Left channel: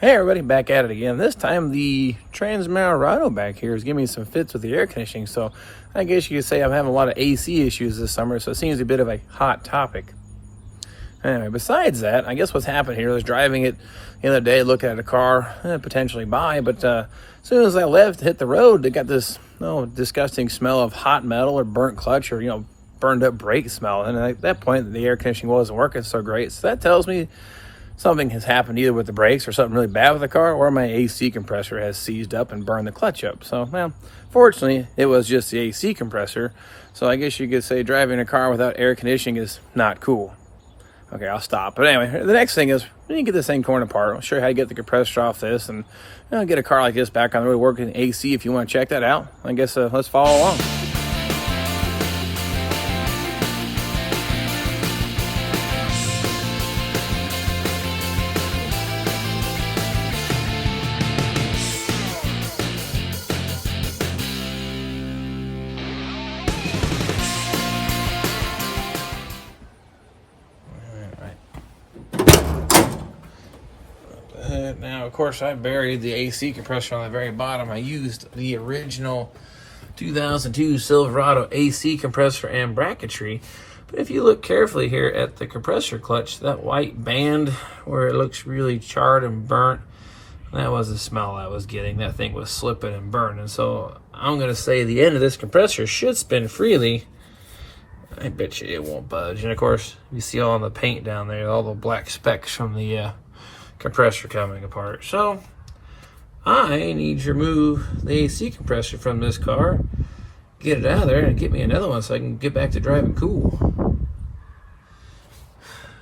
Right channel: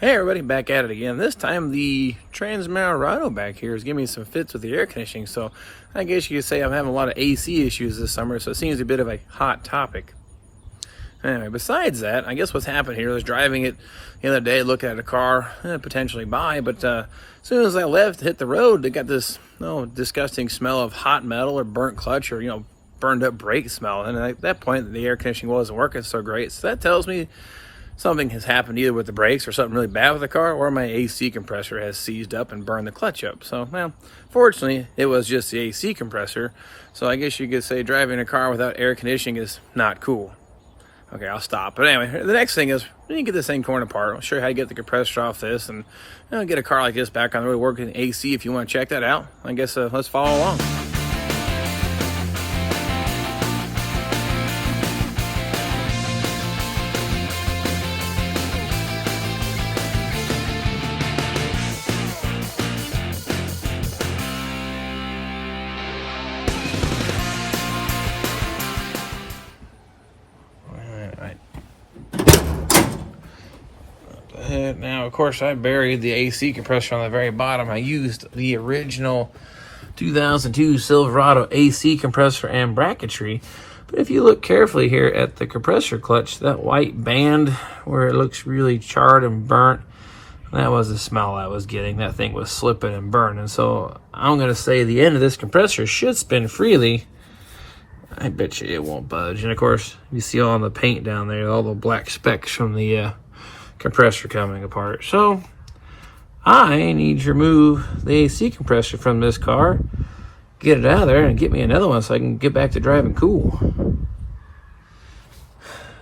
Hey everybody, back at it again. This time the Transmaroado back here is giving me some fits with the air conditioning, so I guess you could say I'm having a lot of AC issues this summer, so it seems a bit of a hot topic. Anyway, besides that, I guess what's happened here is driving it the other day, looking at a car, potentially buy, but as soon as I left, hit the road, they got this disgusting smell of hot metal or burnt clutch or, burned up brake smell, and at that point the air conditioning wasn't working so great, so that tells me something has happened either with the brakes or something really bad with the car, or my AC compressor has seized up and burned the clutch up. So, well, fortunately, it was just the AC compressor. So I guess you could say driving a car without air conditioning is not cool. Okay, I'll stop. But anyway, the next thing is, you can get this thing torn apart. I'll show you how to get the compressor off this and get a car like this back on the road working AC if you want to check that out. I guess let's follow along. Now, of course, I buried the AC compressor on the very bottom. I used the original 2002 Silverado AC compressor and bracketry. But if you look carefully here at the compressor clutch, that white band where it looks really charred and burnt, that was the smell I was getting. That thing was slipping and burning. So I'm going to say the end of this compressor should spin freely. I bet you it won't budge. And of course, you see all the paint down there, all the black specks from the compressor coming apart. So I need to remove the AC compressor from this car, get it out of there, and get me another one so I can get back to driving cool.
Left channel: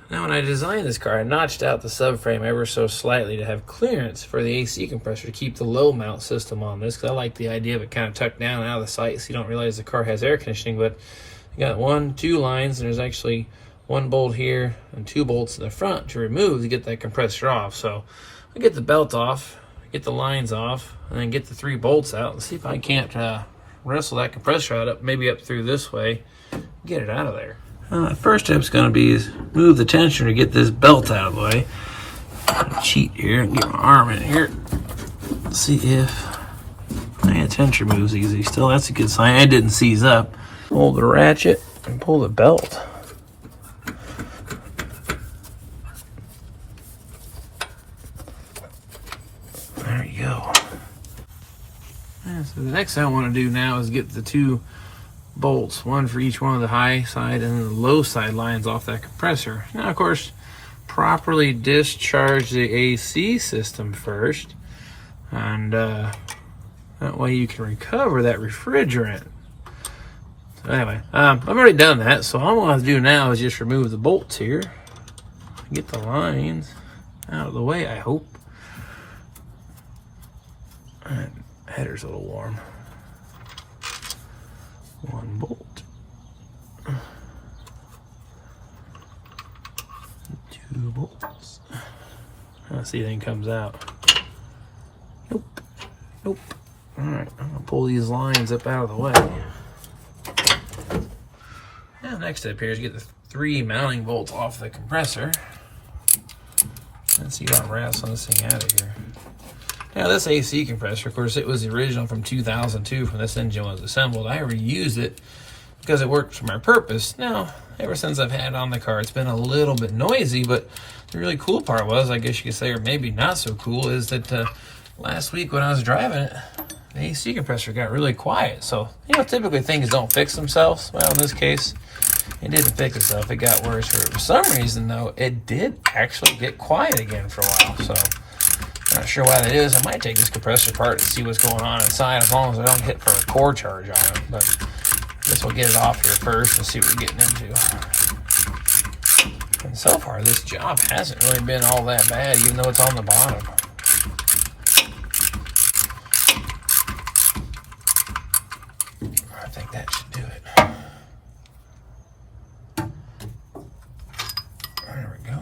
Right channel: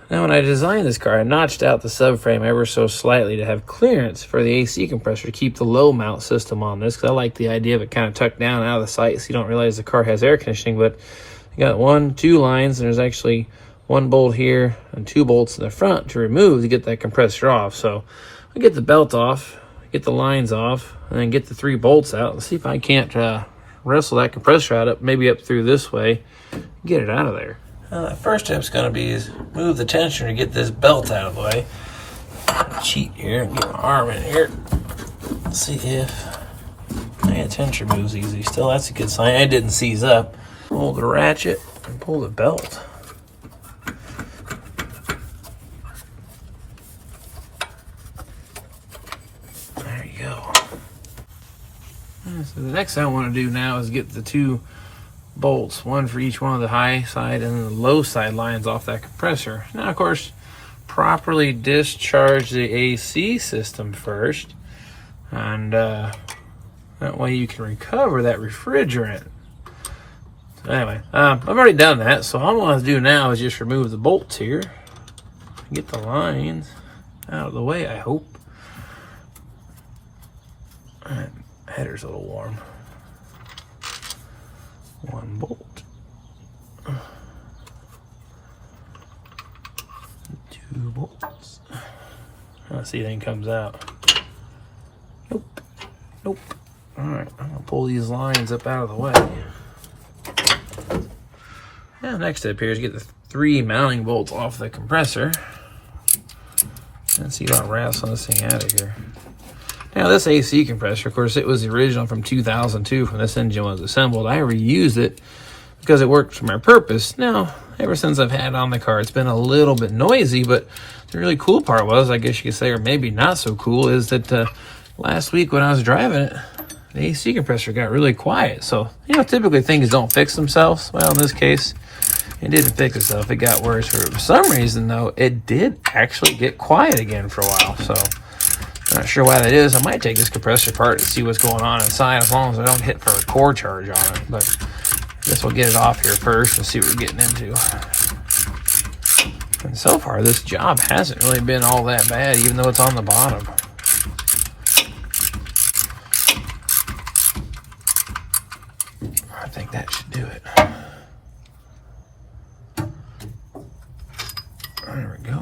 Now, when I designed this car, I notched out the subframe ever so slightly to have clearance for the AC compressor to keep the low mount system on this, because I like the idea of it kind of tucked down out of the sight so you don't realize the car has air conditioning. But you got 2 lines, and there's actually 1 bolt here and 2 bolts in the front to remove to get that compressor off. So I get the belt off, get the lines off, and then get the 3 bolts out and see if I can't wrestle that compressor out, maybe up through this way, get it out of there. The first step's going to be is move the tensioner to get this belt out of the way. Cheat here and get my arm in here. Let's see if the tensioner moves easy. Still, that's a good sign. It didn't seize up. Hold the ratchet and pull the belt. There you go. So the next thing I want to do now is get the 2 bolts, one for each one of the high side and the low side lines off that compressor. Now, of course, properly discharge the AC system first, and that way you can recover that refrigerant. So anyway, I've already done that, so all I'm going to do now is just remove the bolts here, get the lines out of the way, I hope. That header's a little warm. 1 bolt. 2 bolts. Let's see if anything comes out. Nope. Nope. Alright, I'm going to pull these lines up out of the way. Now, next step here is get the 3 mounting bolts off the compressor. And see how it wraps on this thing out of here. Now, this AC compressor, of course, it was the original from 2002 when this engine was assembled. I reused it because it worked for my purpose. Now, ever since I've had it on the car, it's been a little bit noisy, but the really cool part was, I guess you could say, or maybe not so cool, is that last week when I was driving it, the AC compressor got really quiet. So, typically things don't fix themselves. Well, in this case, it didn't fix itself. It got worse. For some reason, though, it did actually get quiet again for a while. So, I'm not sure why that is. I might take this compressor apart to see what's going on inside, as long as I don't hit for a core charge on it. But I guess we'll get it off here first and see what we're getting into. And so far, this job hasn't really been all that bad, even though it's on the bottom. I think that should do it. There we go.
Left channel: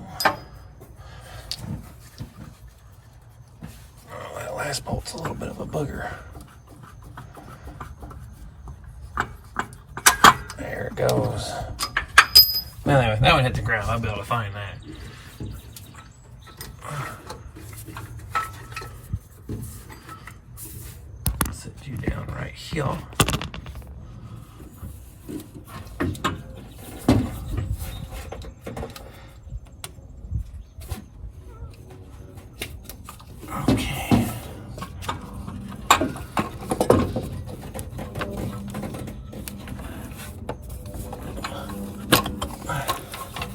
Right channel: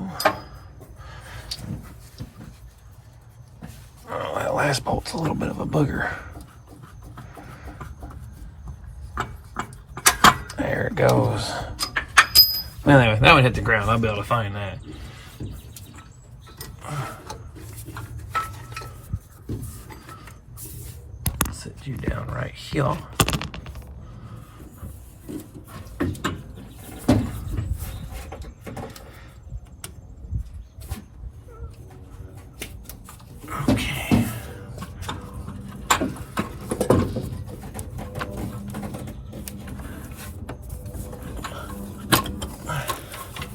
Oh, that last bolt's a little bit of a booger. There it goes. Well, anyway, that one hit the ground. I'll be able to find that. you go. Okay.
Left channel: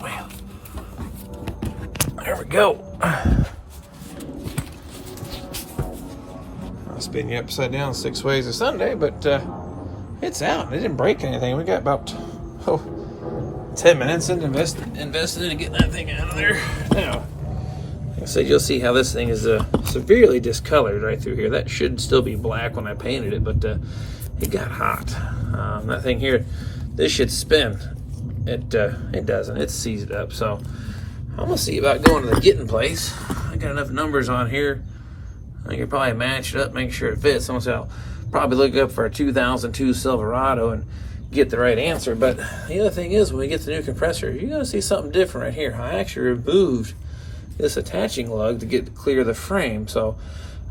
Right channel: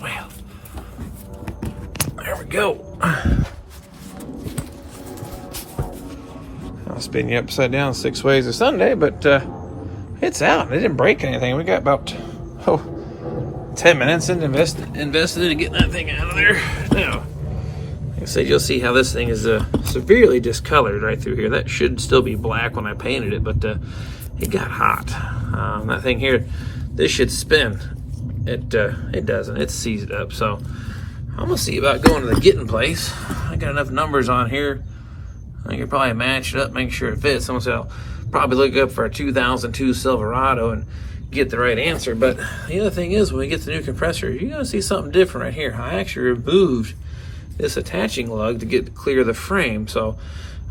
Well, there we go. I'll spin you upside down 6 ways a Sunday, but it's out. It didn't break anything. We got about 10 minutes and invested in getting that thing out of there. Now, like I said, you'll see how this thing is severely discolored right through here. That should still be black when I painted it, but it got hot. That thing here, this should spin. It doesn't. It's seized up. So I'm gonna see about going to the getting place. I got enough numbers on here. I can probably match it up, make sure it fits. I'll probably look up for a 2002 Silverado and get the right answer. But the other thing is, when we get the new compressor, you're gonna see something different right here. I actually removed this attaching lug to clear the frame, so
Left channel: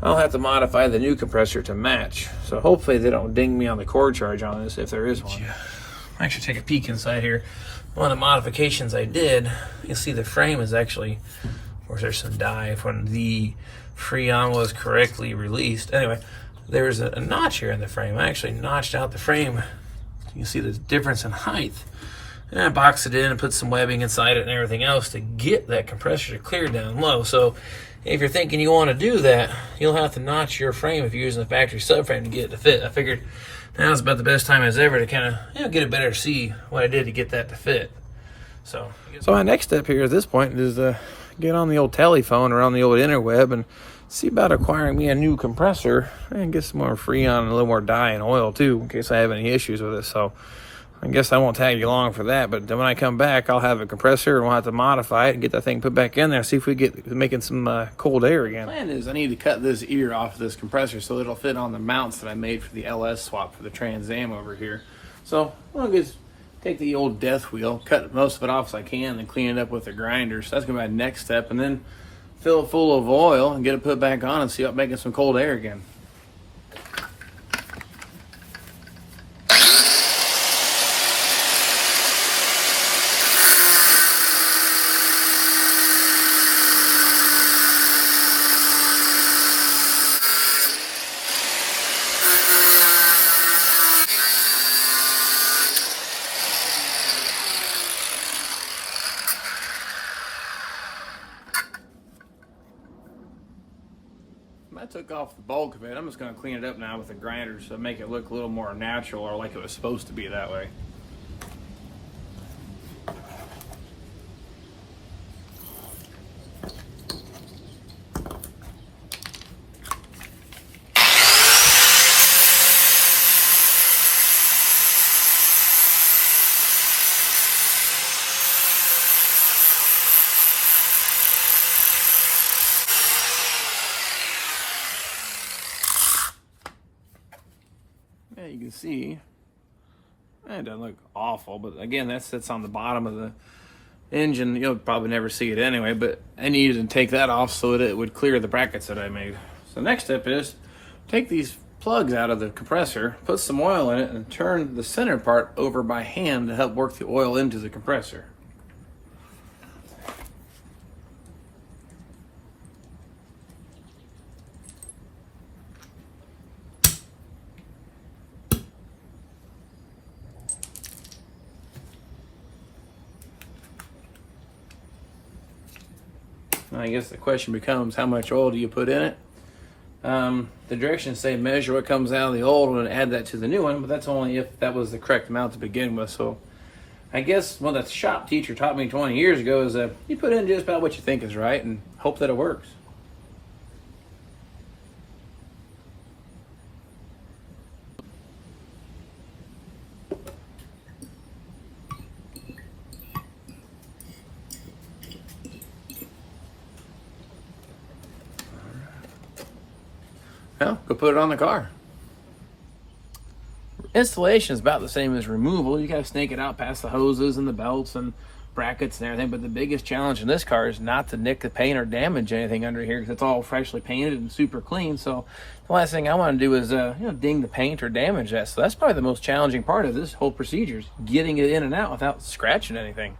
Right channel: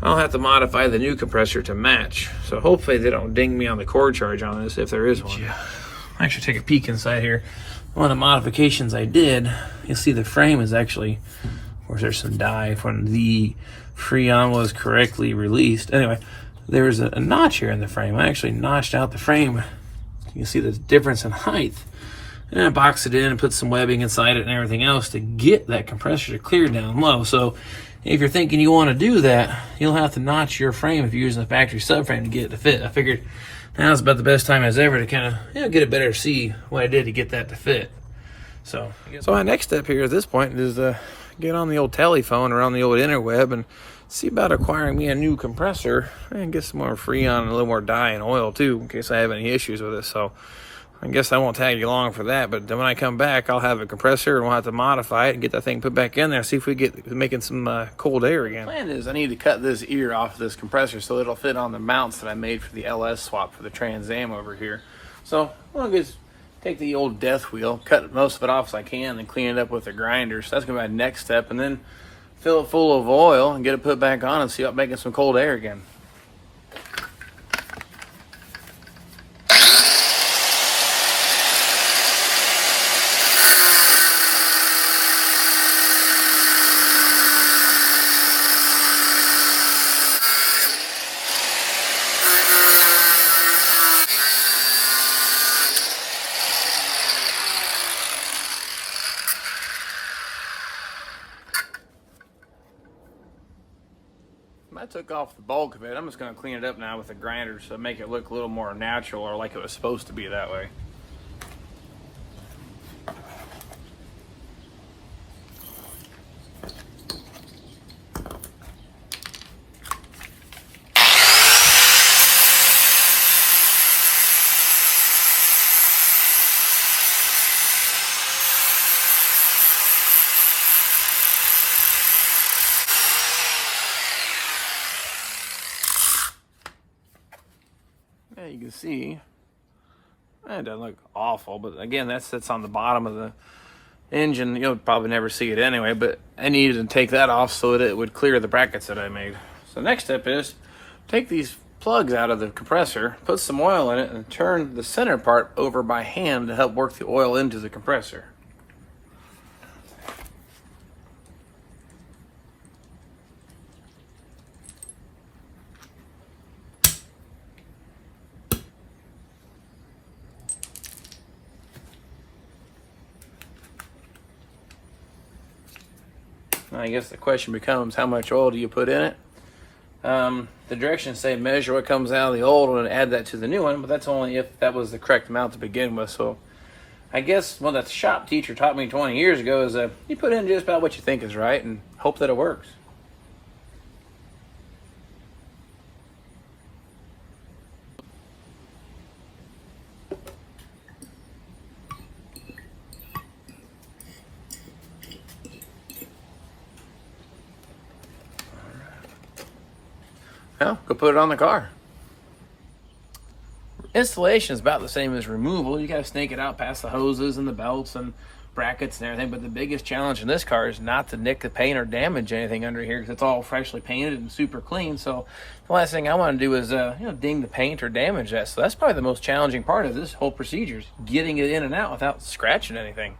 I'll have to modify the new compressor to match. So hopefully they don't ding me on the cord charge on this if there is one. I'll actually take a peek inside here. One of the modifications I did, you'll see the frame is actually, of course there's some dye when the Freon was correctly released. Anyway, there's a notch here in the frame. I actually notched out the frame. You can see the difference in height. And I boxed it in and put some webbing inside it and everything else to get that compressor to clear down low. So if you're thinking you want to do that, you'll have to notch your frame if you're using the factory subframe to get it to fit. I figured now's about the best time as ever to kind of get it better to see what I did to get that to fit. So my next step here at this point is get on the old telephone or on the old interweb and see about acquiring me a new compressor and get some more Freon and a little more dye and oil too, in case I have any issues with it. So I guess I won't tag you along for that, but then when I come back, I'll have a compressor and we'll have to modify it and get that thing put back in there, see if we get making some cold air again. The plan is I need to cut this ear off this compressor so it'll fit on the mounts that I made for the LS swap for the Trans Am over here. So I'll just take the old death wheel, cut most of it off as I can, and clean it up with a grinder. So that's gonna be my next step, and then fill it full of oil and get it put back on and see about making some cold air again. I took off the bulk of it. I'm just going to clean it up now with a grinder so make it look a little more natural, or like it was supposed to be that way. You can see it doesn't look awful, but again, that sits on the bottom of the engine. You'll probably never see it anyway, but I needed to take that off so that it would clear the brackets that I made. So next step is take these plugs out of the compressor, put some oil in it, and turn the center part over by hand to help work the oil into the compressor. I guess the question becomes, how much oil do you put in it? The directions say measure what comes out of the old one and add that to the new one, but that's only if that was the correct amount to begin with. So I guess what the shop teacher taught me 20 years ago is you put in just about what you think is right and hope that it works. Well, go put it on the car. Installation is about the same as removal. You gotta snake it out past the hoses and the belts and brackets and everything, but the biggest challenge in this car is not to nick the paint or damage anything under here, because it's all freshly painted and super clean. So the last thing I want to do is ding the paint or damage that. So that's probably the most challenging part of this whole procedure, is getting it in and out without scratching anything.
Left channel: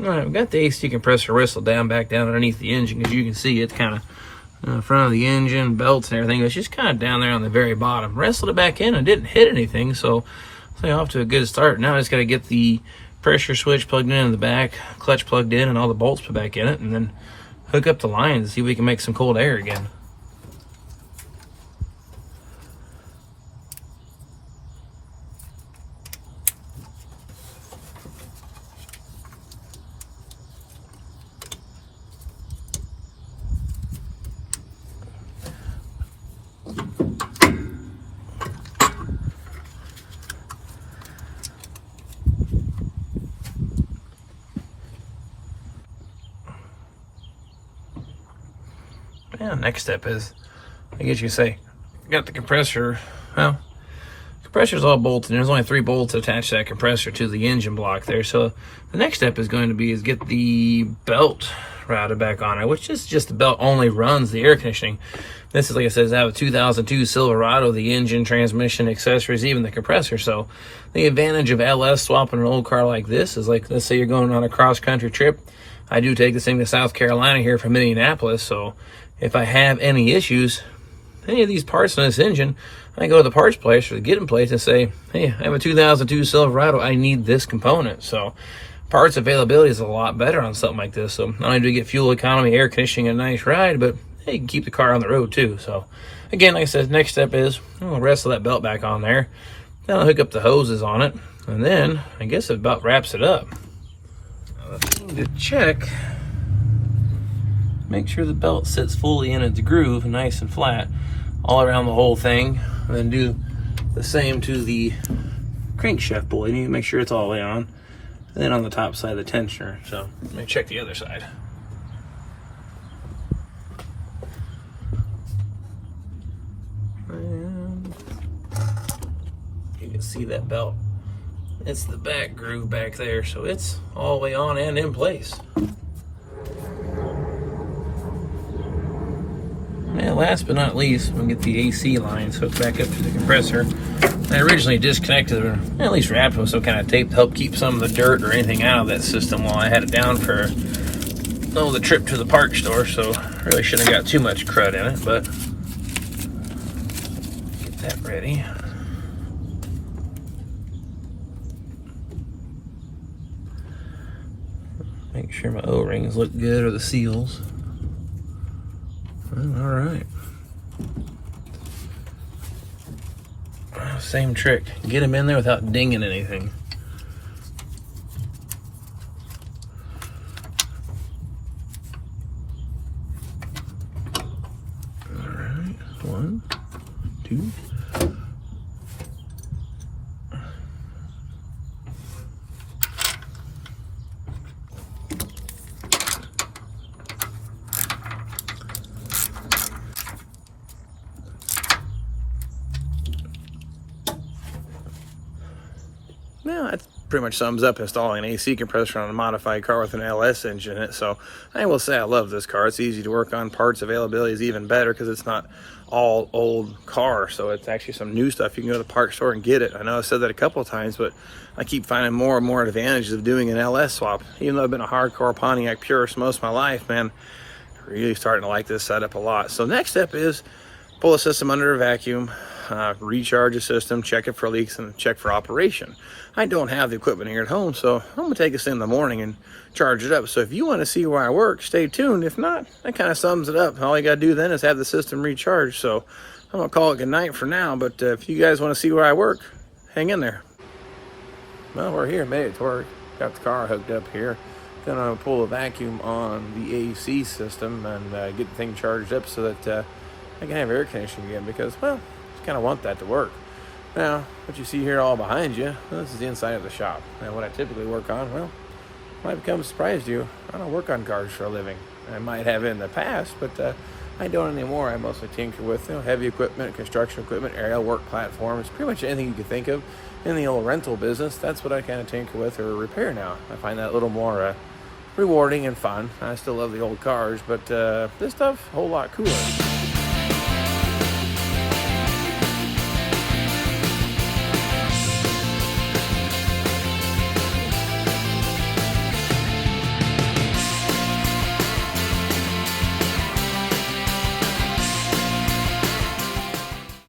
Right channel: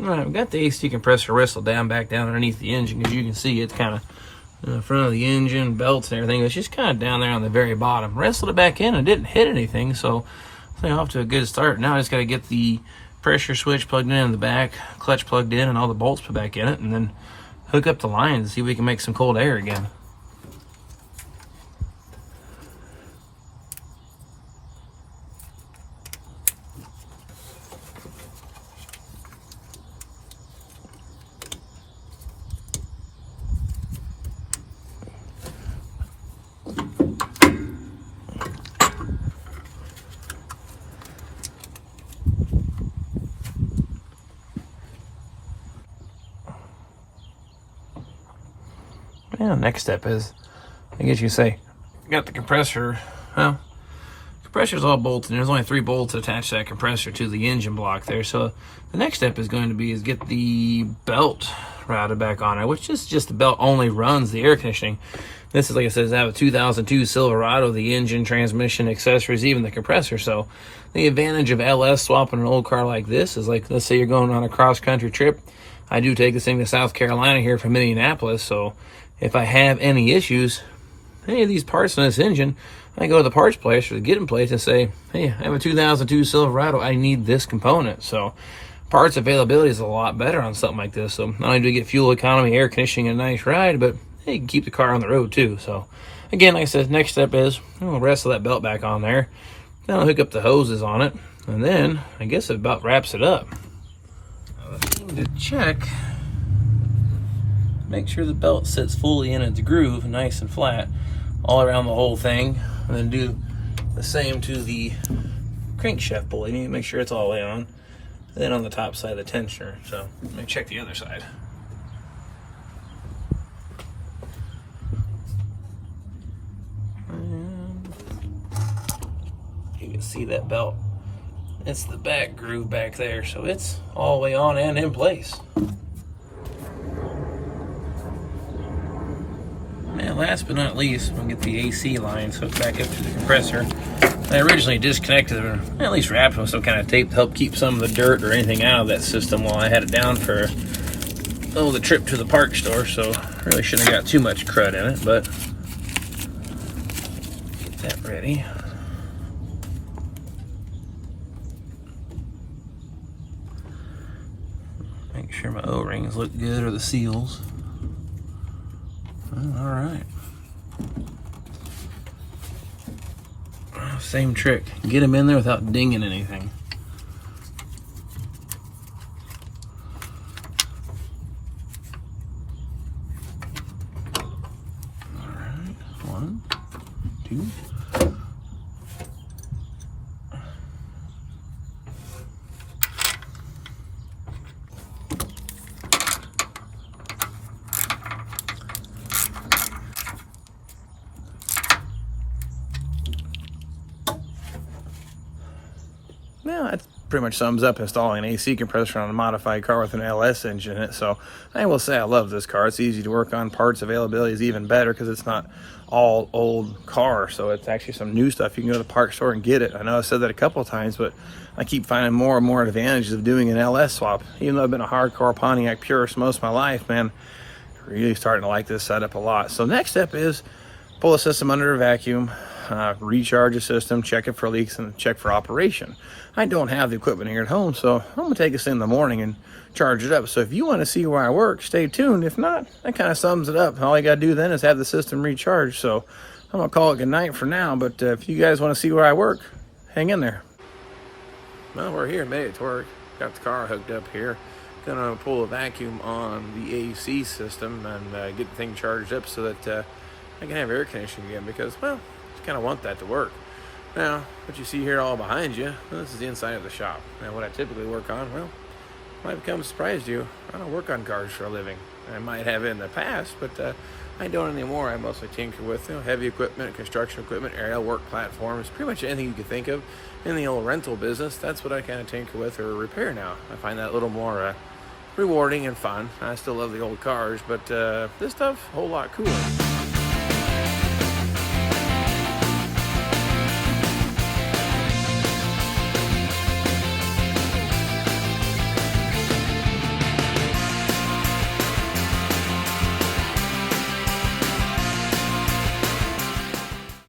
All right, we've got the AC compressor whistle down back down underneath the engine. As you can see, it's kind of in front of the engine, belts and everything. It's just kind of down there on the very bottom. Wrestled it back in and didn't hit anything, so off to a good start. Now I just got to get the pressure switch plugged in the back, clutch plugged in, and all the bolts put back in it, and then hook up the lines and see if we can make some cold air again. Yeah, next step is, I guess you say, got the compressor. Well, compressor's all bolted. There's only 3 bolts attached to that compressor to the engine block there. So the next step is going to be get the belt routed back on it, which is just the belt only runs the air conditioning. This is, like I said, I have a 2002 Silverado, the engine, transmission, accessories, even the compressor. So the advantage of LS swapping an old car like this is, like, let's say you're going on a cross-country trip. I do take this thing to South Carolina here from Indianapolis, so if I have any issues, any of these parts in this engine, I go to the parts place or the get-in place and say, hey, I have a 2002 Silverado, I need this component. So parts availability is a lot better on something like this. So not only do you get fuel economy, air conditioning, and a nice ride, but hey, you can keep the car on the road too. So again, like I said, next step is I'll wrestle that belt back on there. Then I'll hook up the hoses on it, and then I guess it about wraps it up. I need to check. Make sure the belt sits fully in its groove, nice and flat, all around the whole thing. And then do the same to the crankshaft pulley. You need to make sure it's all the way on. And then on the top side of the tensioner. So let me check the other side. And you can see that belt. It's the back groove back there, so it's all the way on and in place. And last but not least, we'll get the AC lines hooked back up to the compressor. I originally disconnected or at least wrapped with some kind of tape to help keep some of the dirt or anything out of that system while I had it down for the trip to the park store. So really shouldn't have got too much crud in it, but get that ready. Make sure my O-rings look good, or the seals. All right. Same trick. Get them in there without dinging anything. All right. 1, 2. Well, that pretty much sums up installing an AC compressor on a modified car with an LS engine in it. So I will say I love this car. It's easy to work on. Parts availability is even better because it's not all old car. So it's actually some new stuff. You can go to the park store and get it. I know I said that a couple of times, but I keep finding more and more advantages of doing an LS swap. Even though I've been a hardcore Pontiac purist most of my life, man, really starting to like this setup a lot. So next step is pull the system under a vacuum, recharge the system, check it for leaks, and check for operation. I don't have the equipment here at home, so I'm gonna take this in the morning and charge it up. So if you want to see where I work, stay tuned. If not, that kind of sums it up. All you gotta do then is have the system recharged. So I'm gonna call it good night for now, but if you guys want to see where I work, hang in there. Well, we're here, made it to work. Got the car hooked up here. Gonna pull a vacuum on the AC system and get the thing charged up so that I can have air conditioning again, because, well, just kind of want that to work. Now, what you see here all behind you, well, this is the inside of the shop. Now, what I typically work on, well, might become a surprise to you. I don't work on cars for a living. I might have in the past, but I don't anymore. I mostly tinker with heavy equipment, construction equipment, aerial work platforms, pretty much anything you could think of in the old rental business. That's what I kind of tinker with or repair now. I find that a little more rewarding and fun. I still love the old cars, but this stuff, a whole lot cooler.